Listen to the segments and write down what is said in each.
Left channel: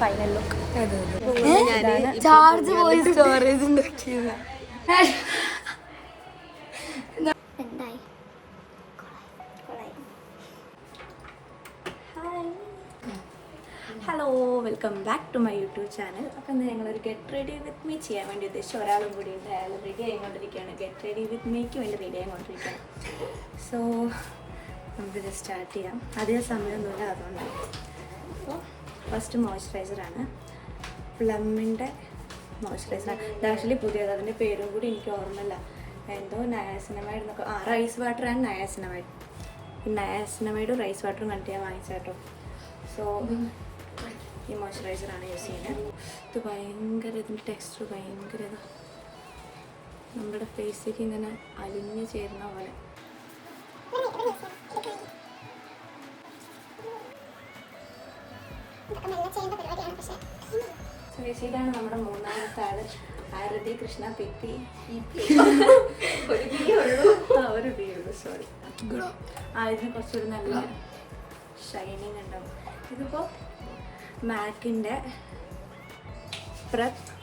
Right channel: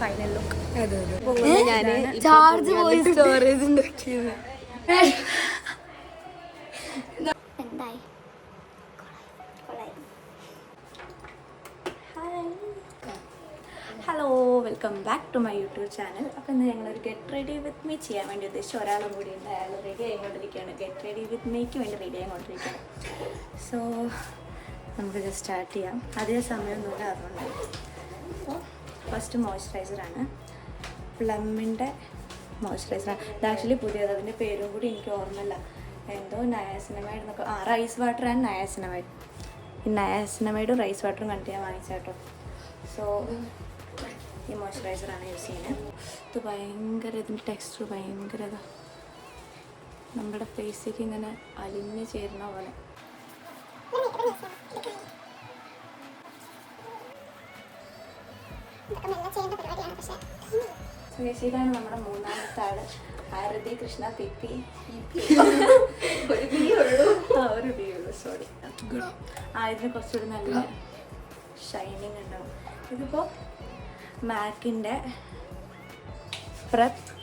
Final look. Charge പോയി storage എന്തായി? Hello, welcome back to my YouTube channel. അപ്പോൾ ഇന്ന് ഞങ്ങളൊരു ഗെറ്റ് റെഡി വിത്ത് മീ ചെയ്യാൻ വേണ്ടി ഉദ്ദേശിച്ച ഒരാളും കൂടി ഉണ്ട്. അയാൾ റെഡി ആയിക്കൊണ്ടിരിക്കുകയാണ്. ഗെറ്റ് റെഡി വിത്ത് മീക്ക് വേണ്ടി റെഡി ആയിക്കൊണ്ടിരിക്കുകയാണ്. സോ നമുക്ക് ഇത് സ്റ്റാർട്ട് ചെയ്യാം. അധികം സമയമൊന്നുമില്ല, അതുകൊണ്ട്. അപ്പോൾ ഫസ്റ്റ് മോയ്സ്ചറൈസറാണ്, പ്ലമ്മിൻ്റെ മോയ്സ്ചറൈസറാണ്. ഇത് ആക്ച്വലി പുതിയത്, അതിൻ്റെ പേരും കൂടി എനിക്ക് ഓർമ്മയില്ല. എന്തോ നയാസിനമൈഡ് എന്നൊക്കെ. Rice water and niacinamide. ഈ നയാസിനമൈഡും റൈസ് വാട്ടറും കണ്ടിട്ട് ഞാൻ വാങ്ങിച്ചാട്ടോ. സോ ഈ മോയ്സ്ചറൈസറാണ് യൂസ് ചെയ്യുന്നത്. ഇത് ഭയങ്കര, ഇതിൻ്റെ ടെക്സ്ചർ ഭയങ്കര നമ്മുടെ ഫേസിലേക്ക് ഇങ്ങനെ അലിഞ്ഞ് ചേരുന്ന പോലെ. ഇതാണ് നമ്മുടെ മൂന്നാമത്തെ ആള്, ആരതി കൃഷ്ണ പിപ്പി. ഒരു ഉള്ളൂ, സോറി. ഇതിന് കുറച്ചുകൂടി നല്ല ഷൈനിങ് ഉണ്ടാവും. ഇതിപ്പോൾ മാക്കിൻ്റെ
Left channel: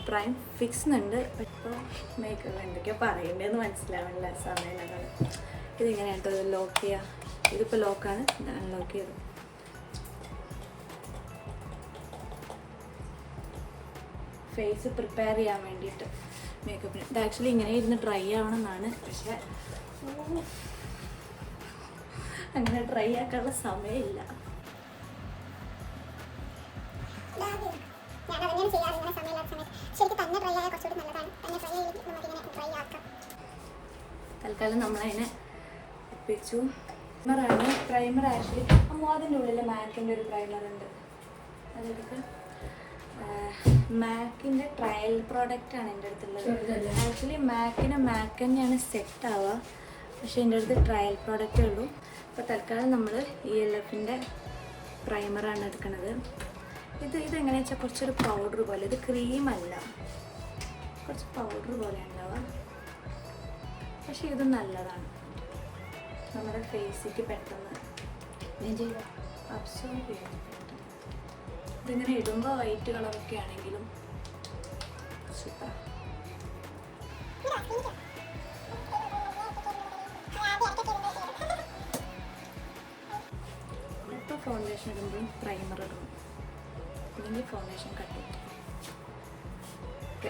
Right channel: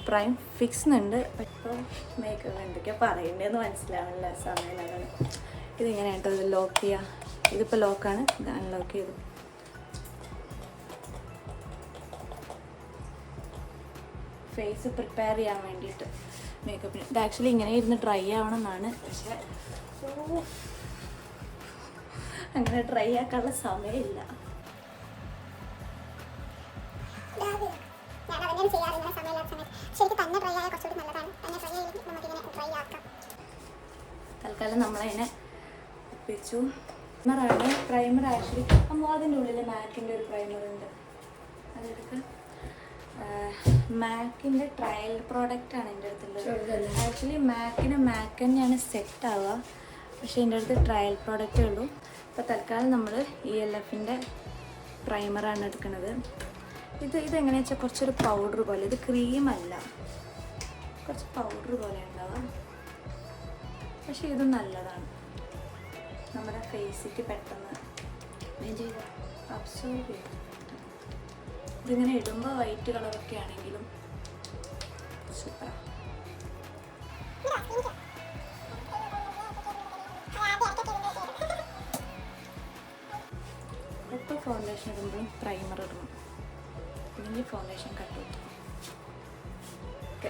പ്രൈം ഫിക്സ് ഉണ്ട്. ഇപ്പോൾ മേക്കപ്പ് എന്തൊക്കെയോ പറയണ്ടേന്ന് മനസ്സിലാവില്ല സമയമാണ്. ഇതിങ്ങനെയായിട്ടോ ഇത് ലോക്ക് ചെയ്യാം. ഇതിപ്പോൾ ലോക്കാണ്, ഇത് അൺലോക്ക് ചെയ്തു. ഫേസ് പ്രിപ്പയർ ചെയ്യാൻ വേണ്ടിയിട്ട് മേക്കപ്പിന്. ഇത് ആക്ച്വലി ഇങ്ങനെ ഇരുന്ന് ഡ്രൈ ആവണമെന്നാണ്, പക്ഷേ അങ്ങനെ ഡ്രൈ ആക്കാനുള്ള സമയമില്ല. തൽക്കാലം നമ്മളതിനെ ഒപ്പിച്ചു. പ്രൈമർ ആക്ച്വലി അതിൻ്റെ ഉള്ളിൽ മാക്കിൻ്റെ ഒരു പ്രൈമർ ഉണ്ട്. അതെടുക്കുക. മാക്കിൻ്റെ ട്രയൽ പ്രോഡക്റ്റാണ് എൻ്റെ അടുത്തുള്ളത്. ആക്ച്വലി മാക്ക് തന്നെയാണ് സെറ്റ് ആവുക, പക്ഷേ എൻ്റെ അടുത്ത് ട്രയൽ പ്രോഡക്റ്റേ ഉള്ളൂ. അപ്പോൾ തൽക്കാലം നമ്മൾ ELF-ൻ്റെ പ്രൈമറാണ് എടുക്കുന്നത്. ഇതെങ്ങനെയാണെന്ന് വെച്ചാൽ കുറച്ചൊരു പൗഡർ പോലെ, ഇത് ക്രീമല്ല, കുറച്ച് പൗഡർ പോലെ ഉണ്ടാവുക. പക്ഷേ ഇത് നല്ലതാണ്, നമ്മുടെ ഫേസിക്ക് പെട്ടെന്ന് അബ്സോർബ് ചെയ്യാൻ. ഇതിങ്ങനെ ഇടുമ്പോൾ വൈറ്റ് കളറൊക്കെ ആണെങ്കിലും സൂപ്പറാണ്. എപ്പോൾ ഫൗണ്ടേഷൻ ഇടുമ്പോഴും പ്രൈമർ ഇടണം, അല്ലെങ്കിൽ ഫൗണ്ടേഷൻ കട്ട് ചെയ്യും. ഓക്കെ,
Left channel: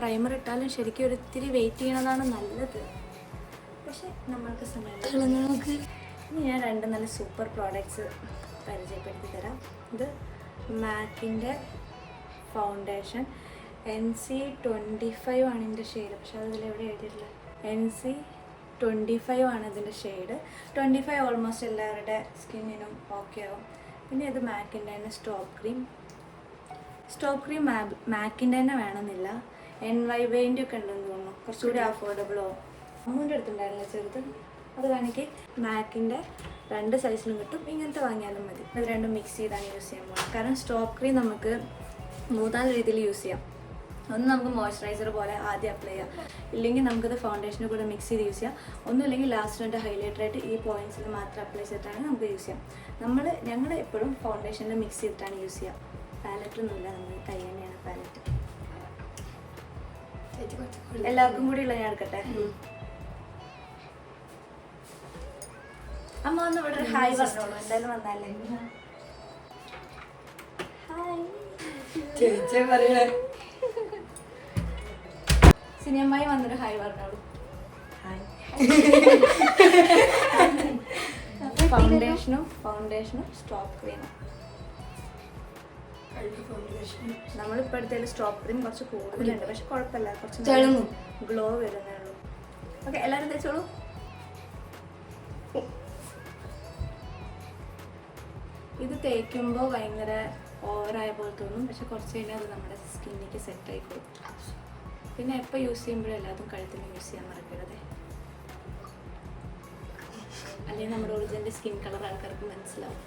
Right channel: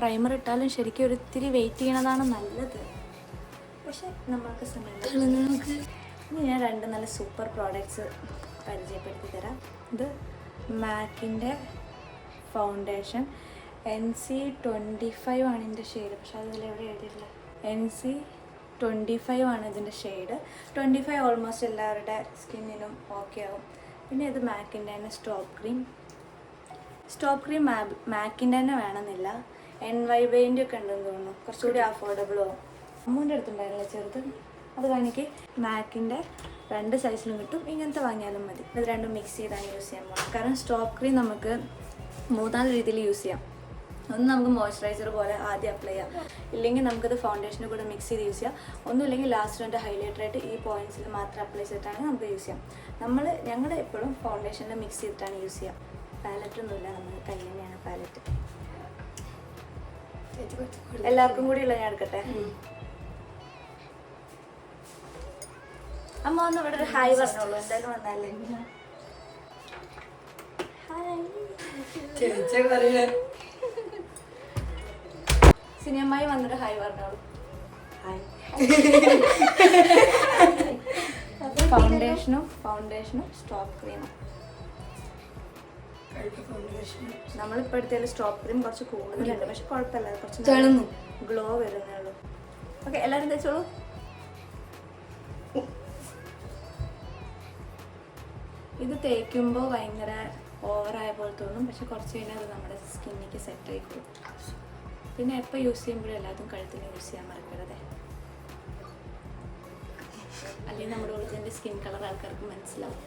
പ്രൈമർ ഇട്ടാലും ശരിക്കും ഒരു ഇത്തിരി വെയിറ്റ് ചെയ്യണതാണ് നല്ലത്, പക്ഷെ നമ്മൾക്ക് സമയം. ഇനി ഞാൻ രണ്ട് നല്ല സൂപ്പർ പ്രോഡക്റ്റ്സ് പരിചയപ്പെടുത്തി തരാം. ഇത് മാക്കിൻ്റെ ഫൗണ്ടേഷൻ NC25 ആണ് ഇതിൻ്റെ ഷെയ്ഡ്, പക്ഷെ അതിലെവിടെ എഴുതിയിട്ടില്ല. NC25 ആണ് ഇതിൻ്റെ ഷെയ്ഡ്. 25 ഓൾമോസ്റ്റ് എല്ലാവരുടെ സ്കിന്നിനും ഓക്കെ ആവും. പിന്നെ ഇത് മാക്കിൻ്റെ തന്നെ സ്റ്റോപ്പ് ക്രീം മാക്കിൻ്റെ തന്നെ വേണമെന്നില്ല, NYBൻ്റെ ഒക്കെ ഉണ്ടെന്ന് തോന്നുന്നു, കുറച്ചുകൂടി അഫോർഡബിൾ ആവും. അമ്മൂൻ്റെ അടുത്തുണ്ടായിരുന്നില്ല ചെറുത്, അത് കാണിക്ക്. മാക്കിൻ്റെ 2 സൈസിലും കിട്ടും, ഇങ്ങനത്തെ വാങ്ങിയാലും മതി. അത് രണ്ടും മിക്സ് ചെയ്താണ് യൂസ് ചെയ്യാൻ പോകുന്നത്. കാരണം സ്റ്റോപ്പ് ക്രീം നമുക്ക് 3-4 രീതിയിൽ യൂസ് ചെയ്യാം. ഒന്ന് നമുക്ക് മോയ്സ്ചറൈസർ പോലെ ആദ്യം അപ്ലൈ ചെയ്യാം, ഇല്ലെങ്കിൽ നമുക്കത് ഫൗണ്ടേഷന് കൂടെ മിക്സ് ചെയ്ത് യൂസ് ചെയ്യാം. ഒന്നുമില്ലെങ്കിൽ ലാസ്റ്റ് എൻ്റെ ഹൈലൈറ്ററായിട്ട് ഈ പോയിൻറ്റ്സിൽ മാത്രം അപ്ലൈ ചെയ്തിട്ടാണെങ്കിൽ നമുക്ക് യൂസ് ചെയ്യാം. ഞങ്ങൾ എപ്പോഴും ഫൗണ്ടേഷനിൽ മിക്സ് ചെയ്തിട്ടാണ് യൂസ് ചെയ്യുക. പാലറ്റൊന്നുമില്ല, നമ്മൾ കൈ തന്നെയാണ് പാലറ്റ്. എല്ലാവർക്കും കൂടി ഉള്ള ഞാൻ എടുക്കട്ടെ. അമ്മ ഒന്ന് ഇവിടെ ഒരു ഹായ് പറഞ്ഞോളൂ, എന്തായാലും വന്നാലേ. ഹായ് സിനിമമായി വന്നൊരു ഹായ് പറഞ്ഞോളൂ. ഫൗണ്ടേഷനും സ്റ്റോപ്പ് ക്രീമും. നമ്മളിപ്പോൾ എടുത്തതിൽ സ്റ്റോപ്പ് ക്രീം കുറച്ച് കൂടുതലുണ്ട്, പക്ഷെ കുഴപ്പമില്ല, കുറച്ച് ഗ്ലോ വരുന്നേ ഉള്ളൂ. ഓക്കെ, എല്ലാവരും തേച്ചോളൂ. ഇത് തേക്കുമ്പോൾ ഭയങ്കര ഓവറായ പോലെ തോന്നും, പക്ഷെ കുറച്ച് കഴിഞ്ഞാൽ അത് നമ്മുടെ സ്കിന്നിക്ക് സെറ്റ് ആയിക്കോളും. പിന്നെ എപ്പോൾ യൂസ് ചെയ്യുമ്പോഴും എല്ലാതും കഴുത്തിൽ യൂസ് ചെയ്യാൻ മറക്കരുത്, അല്ലെങ്കിൽ നമ്മുടെ ഒറിജിനൽ സ്കിൻ കളർ ആൾക്കാർക്ക് മനസ്സിലാവും.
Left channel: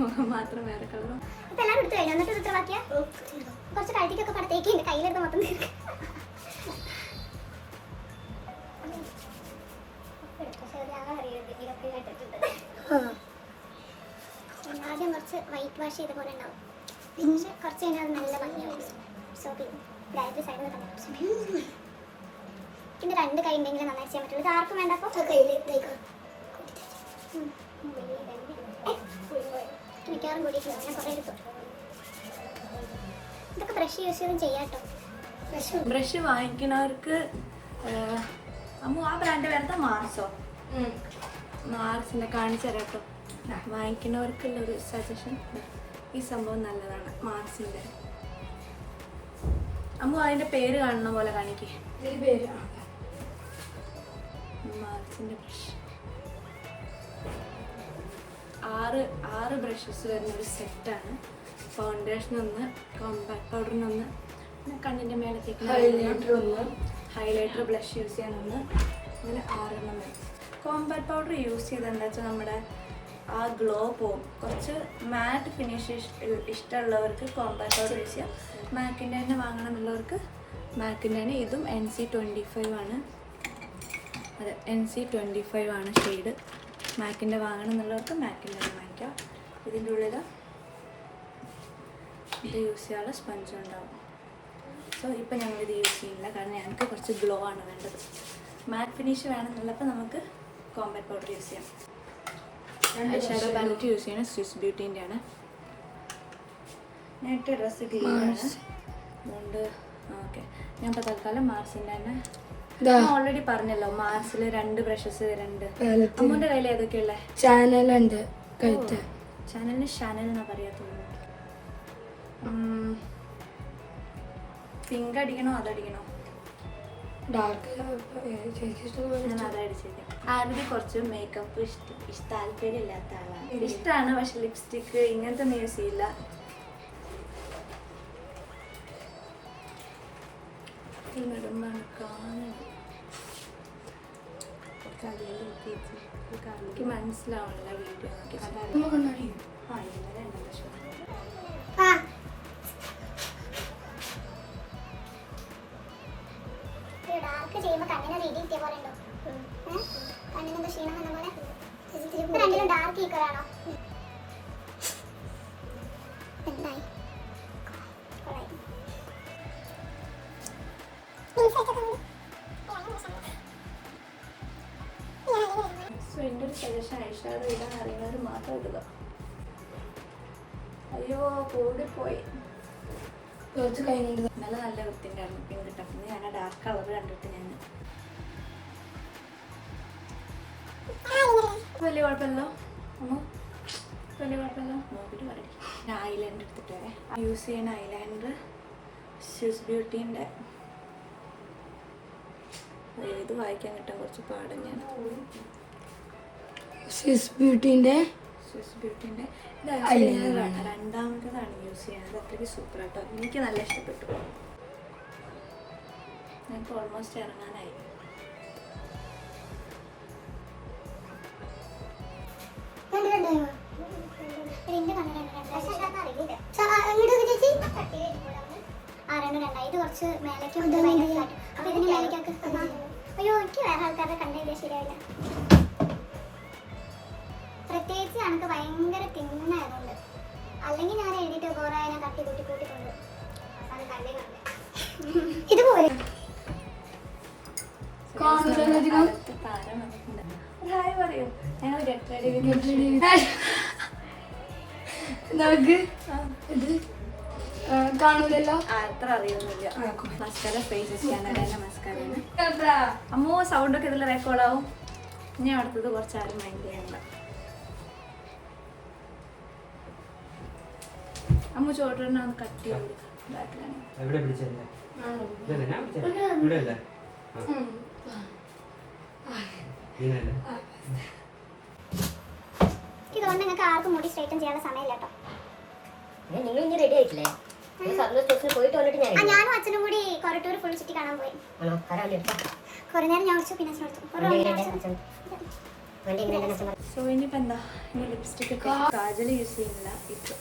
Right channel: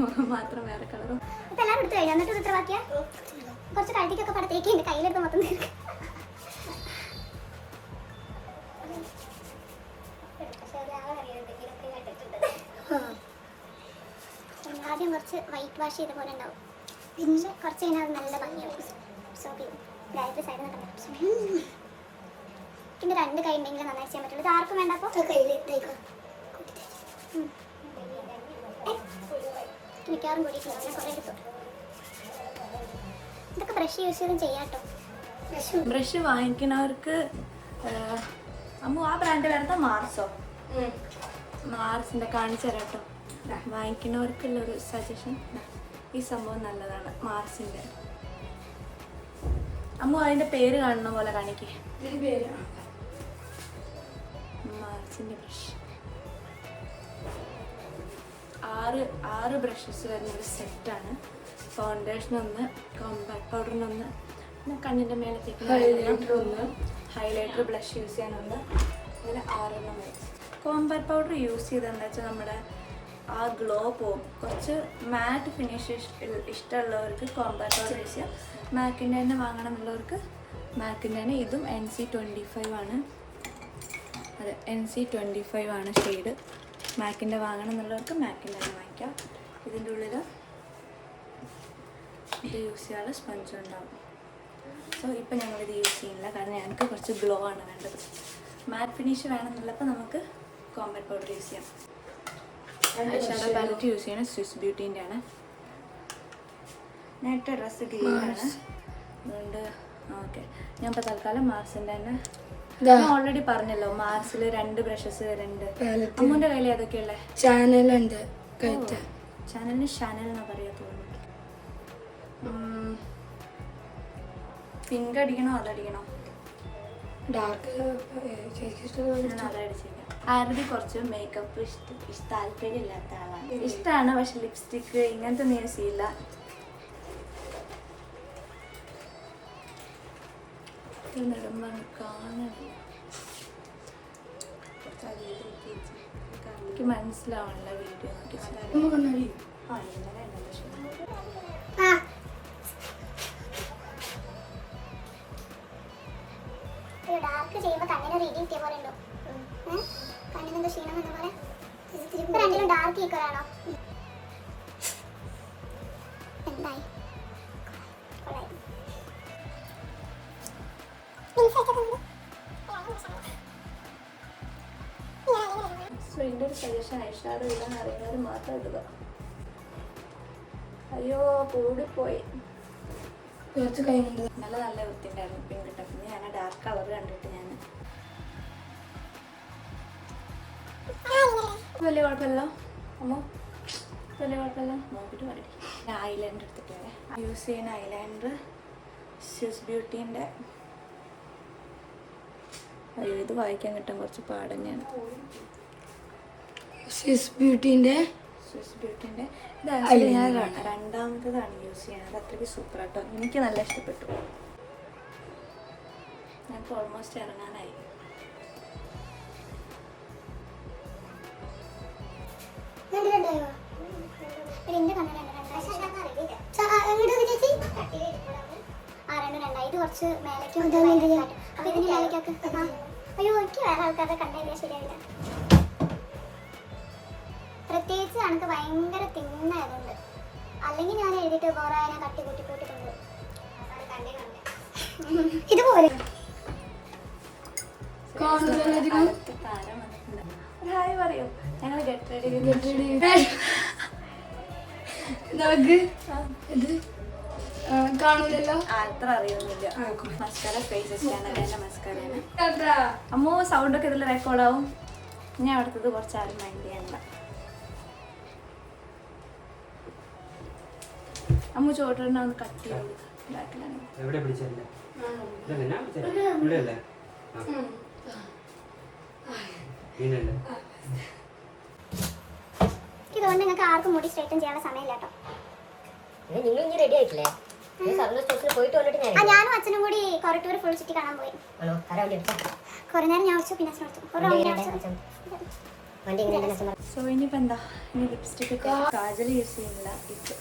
മുഖം മാത്രം വേറെ കളറും. ഇതെല്ലാം എടുത്തു കഴിഞ്ഞു, എന്നിട്ട് ഇത്ര ബാക്കിയാ കുറച്ച് കഴുത്തിക്കൊക്കെ പടത്തേക്ക് എൻ്റെ കയ്യിലെടുത്ത് മൊത്തം തീർക്കും. ആദ്യം കുറച്ച് വൈറ്റ് വാഷ് ചെയ്ത പോലെ ഉണ്ടാവും, പക്ഷെ കുറച്ച് കഴിഞ്ഞാൽ അത് നല്ല ഭംഗിയാവും. സോപ്പ് ചെയ്യും ഗായത്രി സൈഡിൽ നിന്ന് കണ്ടു. പിന്നെ 2 കൈ ഉണ്ടെങ്കിൽ നന്നായി ചെയ്യാൻ പറ്റുള്ളൂ. ഇത് ആർക്കും വേണ്ട. അപ്പോൾ മിക്കവാറും കൂടിയിട്ടുണ്ടാവും. ഞാൻ കുറേ എടുത്തു. ഇതൊക്കെ ബ്രഷ് യൂസ് ചെയ്തും ചെയ്യാം കേട്ടോ. ബ്രഷ് വാങ്ങിക്കുന്നവർക്ക് അമ്മു ആ ബ്രാൻഡ് വരുന്ന മാർസോ, മാർസിൻ്റെ കാണിച്ചു തരാം കേട്ടോ. വാങ്ങിക്കുന്നവർക്കുള്ളൊരു സജഷൻ, ഈ സംഭവം നല്ലതാണ് മാർസിൻ്റെ. അമ്മു അതിൻ്റെ പേര് കാണുന്ന പോലെ കാണിക്കേ. മാർസിൻ്റെ ബ്രഷ് 6 ബ്രഷസ് വരുന്നൊരു സെറ്റാണ്. ഫൗണ്ടേഷൻ ഒന്ന്, കോമ്പാക്ട് പൗഡറിനൊന്ന്, പിന്നെ കണ്ണിൻ്റെ മേലെ തേക്കുന്ന ഹൈലൈറ്റർ ബ്ലഷ് യൂസ് ചെയ്യാനൊന്ന്, അങ്ങനെ 6 വരും. കോമ്പാക്ട് പൗഡർ യൂസ് ചെയ്താൽ എന്താ വെച്ചാൽ നമ്മുടെ ആ ഗ്ലോ പോവും. കുറച്ച് മാറ്റ് ഫിനിഷ് ഇഷ്ടമുള്ളവർക്ക് കോമ്പാക്ട് പൗഡർ യൂസ് ചെയ്യാം. മാക്കിൻ്റെ തന്നെ വാങ്ങണമെന്നുള്ളവർക്ക് മാക്കിൻ്റെ തന്നെ. ഇതും NC25 ആണ്. അതെ, NC25 ആണ് ഷെയ്ഡ്. മാക്കിൻ്റെ വാങ്ങണം എന്നുള്ളവർക്ക് മാക്കിൻ്റെ തന്നെ വാങ്ങിക്കാം. ഇതിൻ്റെ ഉള്ളിൽ ഇത് യൂസ് ചെയ്യാനുള്ള സ്പഞ്ച് ഉണ്ടാവും. സോ ഇപ്പം ഞങ്ങളിത് യൂസ് ചെയ്യുന്നില്ല, കാരണം ഞങ്ങൾക്ക് കുറച്ച് ഗ്ലോ ആണ് വേണ്ടത്. മാറ്റ് ഫിനിഷ് വേണമെന്നുള്ളപ്പോൾ നമുക്ക് കോമ്പാക്ട് പൗഡർ യൂസ് ചെയ്യാം. ഷാഡോ പാലറ്റ് യൂസ് ചെയ്യണ സ്വിസ് ബ്യൂട്ടീൻ്റെ ആണ്. ഞാൻ ഇട്ട ഡ്രസ്സ് ഗ്രീനാണ്, അതുകൊണ്ട് ഓക്കെ. ഞാൻ ഇപ്പോൾ തൽക്കാലം മാർസിൻ്റെ തന്നെ. ഞാൻ ഓൾറെഡി പറഞ്ഞല്ലോ, മാർസിൽ 2 ബ്രഷസ് വരുന്നുണ്ട്. അമ്മൂൻ്റെ കയ്യിൽ ഏതൊക്കെയല്ലേ? ചാനലുണ്ട്. ചാനലിന് ഷാനൽ എന്നാ പറയാ തോന്നുന്നു. പിങ്ക് അടിക്കണോ അതടിക്കണോ? ഡാർക്ക് ഞാൻ അതടിച്ചേക്കാം. ആരതി കുറച്ച് മേക്കപ്പ് താല്പര്യമില്ലാത്ത ആളാണ്. ഇഷ്ടമാണ്, പക്ഷെ ലിപ്സ്റ്റിക്ക് ഇങ്ങനത്തെ ഒന്നും യൂസ് ചെയ്യില്ല. എനിക്ക് മനസ്സിലാവണില്ല വീഡിയോ നോക്കി. ഡാർക്ക് ചെയ്യുമ്പോൾ കണ്ണിന് റീഡിങ് കിട്ടിയ പോലെ ഉണ്ടോ? കണ്ണിനെന്തോ ക്ഷീണം എന്ന പോലെ. ഇപ്പൊ രണ്ടിലും ഡാർക്ക് ഈക്വലാണോ? എന്തായി? സോ എൻ്റെ ഒരു സജഷൻ, ഐഷാഡോ ഇടാൻ അറിയുന്നവർ മാത്രം ഇടുക. അയ്യോ കൂടിപ്പോയി. കുറച്ച് കഴിഞ്ഞിട്ട് നല്ല വൃത്തിണ്ടായിരുന്നു പിങ്ക് ഇട്ട. പിന്നെ ഞാൻ ഡാർക്ക് കളർ കണ്ടിട്ട് ഞാൻ വലിയ കുഴപ്പമില്ലല്ലോ അമ്മ, വലിയ കുഴപ്പമില്ല. നോക്കിയിട്ട് പറയും. ഞാൻ ഐലൈനർ എടുത്തിട്ട് വരാം. യൂസ് ചെയ്യുന്ന ഐലൈനർ സ്വിസ് ബ്യൂട്ടീൻ്റെ. ഇത് വായിക്കാൻ കിട്ടാൻ കുറച്ച് പാട് തന്നെയാണ്. സ്വിസ് ബ്യൂട്ടീൻ്റെ ഇത് ആക്ച്വലി ഞാൻ രണ്ടാമത്തതാണ് യൂസ് ചെയ്യുന്നത്. അത്രയ്ക്ക് സൂപ്പർ ആട്ടോ, എനിക്ക് നല്ല ഇഷ്ടപ്പെട്ടു. ഞങ്ങൾക്ക് ഓൾമോസ്റ്റ് ഇറങ്ങാനായി. ഇത് കുറച്ച് മേലേക്ക് അപ്പൊ ഇതിന് മേലേക്കൊക്കെ. അയ്യോ, എനിക്ക് വേറെ ആൾക്കാരുടെ കണ്ടില്ല, ശരിയായില്ല. പ്രത്യേകിച്ച് എനിക്ക് ഭയങ്കര തിന്നായതുകൊണ്ട്. അല്ലെങ്കിൽ ഞാൻ എഴുതിയിട്ട് കുറെ ഞാൻ തട്ടി കൂട്ടിക്കൂട്ടിട്ടുണ്ട്. ഇതുപോലെ ഹായ് പറയൂ. ഞങ്ങൾ ഗെറ്റ് റെഡി കാണൂലല്ലോ. അത്ര അറിയൊന്നുമില്ല. മസ്കാര സ്പേസസ് ചാനലിൻ്റെ മസ്കാരയാണ്. അമ്മോ സൗണ്ടൊക്കെ ഇതിൽ റെക്കോർഡാവും. ഞാൻ അടുത്തത് കുറച്ച് ആരും മൈൻഡ് ചെയ്യണ്ട. അമ്മു ചോട്ടിനെ ഒന്ന് കട്ട് ചെയ്ത് കൊടുക്കാം. ബാക്കിലാണ് ഇതുകൊണ്ട് നിങ്ങൾക്ക് ആർക്കും മുടി സ്ട്രൈറ്റൻ ചെയ്യാനുള്ള സമയമില്ല കേട്ടോ. ഞാനും അച്ഛനും കൂടി കൊറട്ടൂർ ഫുൾ ചുറ്റി കാണാൻ പോയി. കുറെ നേരം ഞാൻ വെച്ചു, പിന്നെ സോ ഇനിയിപ്പോൾ എന്താ, ഇനി ലിപ്സ്റ്റിക് ഒക്കെ കാജൽ യൂസ് ചെയ്യുന്നില്ല.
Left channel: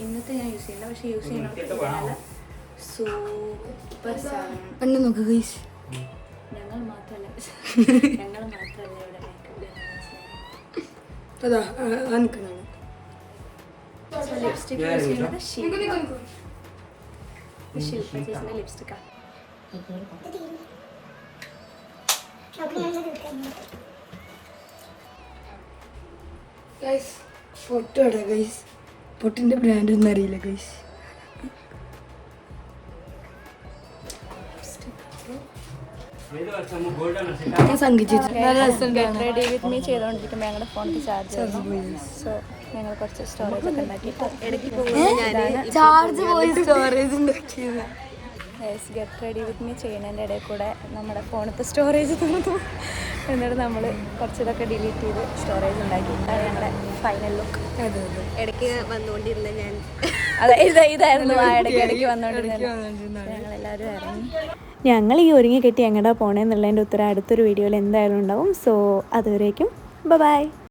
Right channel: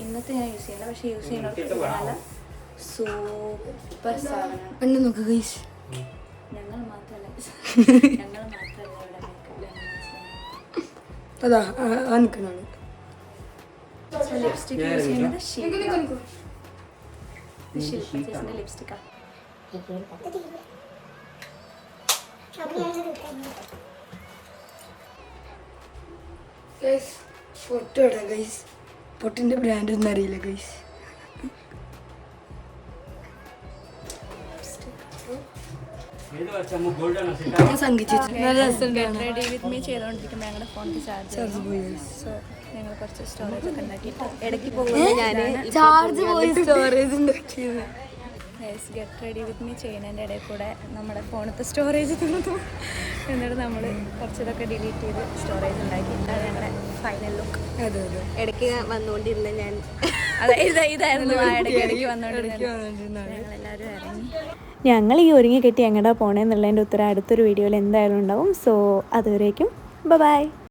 ഇന്നത്തെ ഞാൻ യൂസ് ചെയ്യുന്നില്ല, പക്ഷെ യൂസ് ചെയ്യുന്നവർക്ക് നല്ല സൂപ്പർ സാധനമാണ്. എന്നെ നോക്ക് ഗൈസ്, ഞങ്ങൾ മാത്രമല്ല ഇവിടെ മേക്കപ്പ്. അതാ നിൽക്കണത്. സോ ലിപ്സ്റ്റിക് യൂസ് ചെയ്യുന്നത് ശില്പ ചേച്ചിൻ്റെ ലിപ്സ്റ്റിക്കാണ്. ഗൈസ് പൊട്ട് ഇടാം ഗൈസ്. പൊട്ടിൻ്റെ ബ്രാൻഡ് ഒന്നും അറിയില്ല ഗൈസ്. റെഡി വിത്ത് മീ ചെയ്തുകൊണ്ടിരിക്കുമ്പോൾ ഞങ്ങളുടെ ഫോണിൽ ചാർജ് സോ ഞങ്ങൾ കുറച്ച് സ്റ്റോറേജ് ഒക്കെ ഉണ്ടാക്കിയിട്ട് ഇടയ്ക്ക് ചാർജ് പോയി സ്റ്റോറേജ് ഉണ്ടാക്കിയത്. ഗെറ്റ് റെഡി വിത്ത് മീ ചെയ്യുന്നതിൻ്റെ ഇടയിൽ കൂടെ നമ്മുടെ ഫോണിലത്തെ സ്റ്റോറേജ് തീർന്നു. എന്നിട്ട് നമ്മൾ കുറച്ച് ഇതൊക്കെ ഡിലീറ്റ് ചെയ്ത് സ്റ്റോറേജ് ഉണ്ടാക്കി. ഇതാണ് ഞങ്ങളുടെ ഫൈനൽ ലുക്ക്. അതെ അതെ. ഇടയ്ക്ക് വന്നുകൊണ്ടിരുന്ന ഞാൻ അതെ ഇതായിരുന്നു ഇടയ്ക്ക് വന്നുകൊണ്ടിരുന്നത്. ഞങ്ങളെല്ലാവരും ഇറങ്ങി. ഞങ്ങൾ ഈ ഒരുങ്ങി കെട്ടി എങ്ങടാ പോണേന്നുള്ളതിൻ്റെ ഉത്തരം അടുത്തൊരു വീഡിയോയിൽ എന്തായാലും ഉണ്ടാവും. സോ അതുവരേക്കും ബൈ.